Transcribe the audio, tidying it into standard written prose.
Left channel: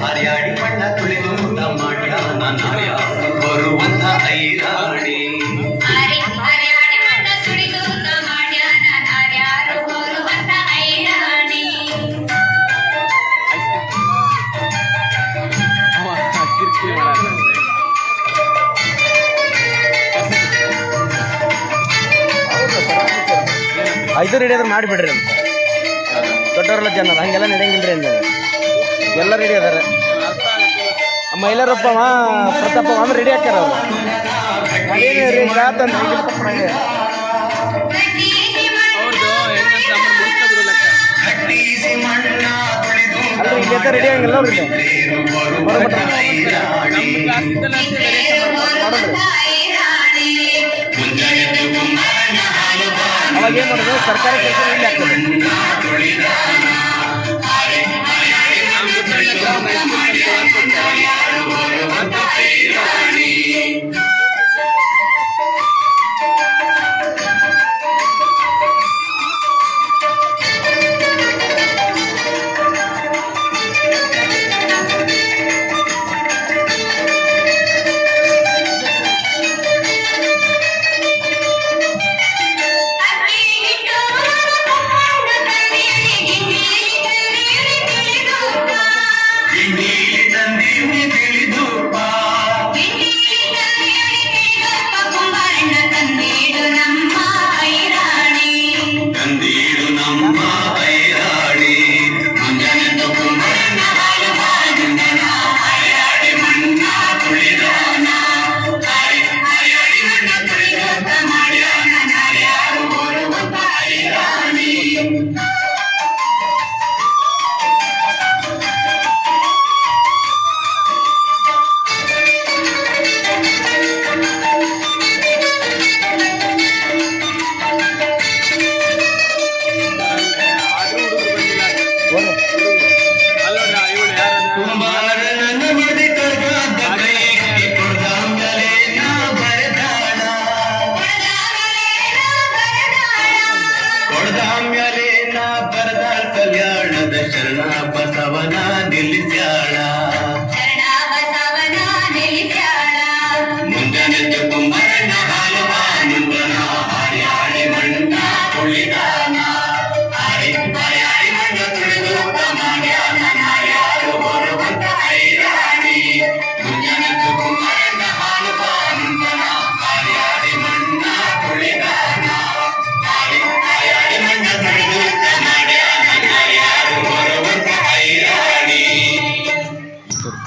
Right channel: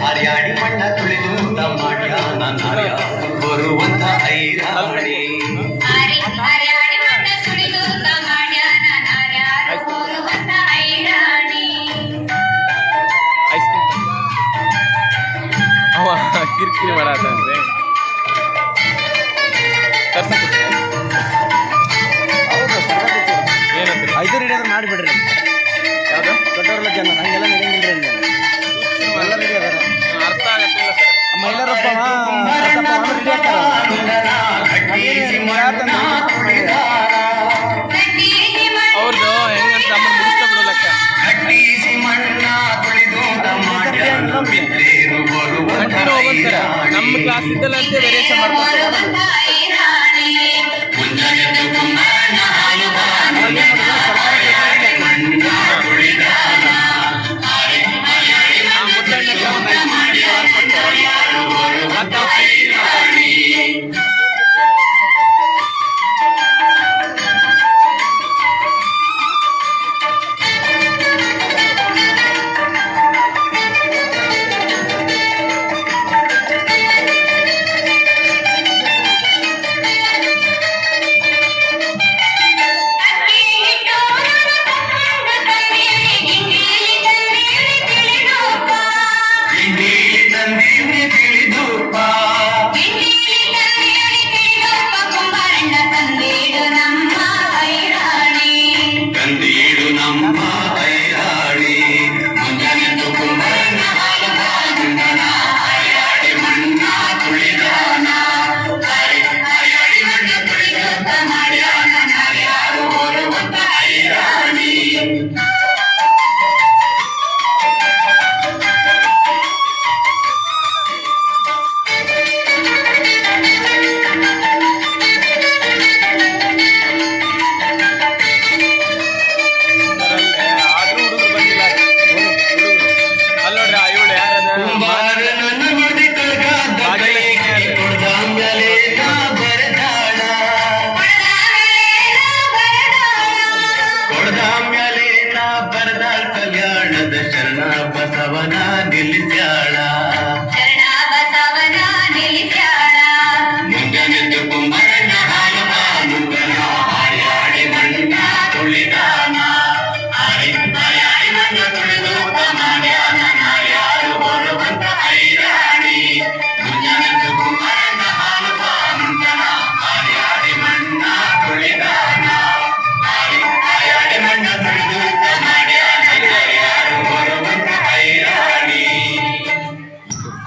ಹರ್ಯಾಡಿ ಮಣ್ಣ ತುಳಿದು ಊಟ ಮಾಡ್ಯಾನ ಬರುವಂತ ಐರಾಣಿ ಕಿರಿಕಿರಿ ಮಾಡತ್ತಂತೆ ಐದು ರೆಡಿ ಆದ್ರೆ ಮಾಡಿಬಿಡ್ರಿ ಅಂತ ದೊಡ್ಡವರೆಲ್ಲ ಜನ ಹಂಗೆಲ್ಲ ನಡೆಯಂಗಿಲ್ರಿ ಅಂದ ಎಲ್ಲ ರೆಡಿ ಅದಾರ ಮಹಿಳೆಯರೊಬ್ಬ ರೆಡಿ ಆಗ್ತಾರ ರೆಡಿ ಆಗಿಲ್ಲ ನಮ್ಮ ಕ್ಲಾಸ್ ಇದ್ದಲ್ಲ ಅಂತ ಅವಾಗ ಏನು ಮಾಡೋದು ಸರ್ಕಾರ ಕೆಲಸ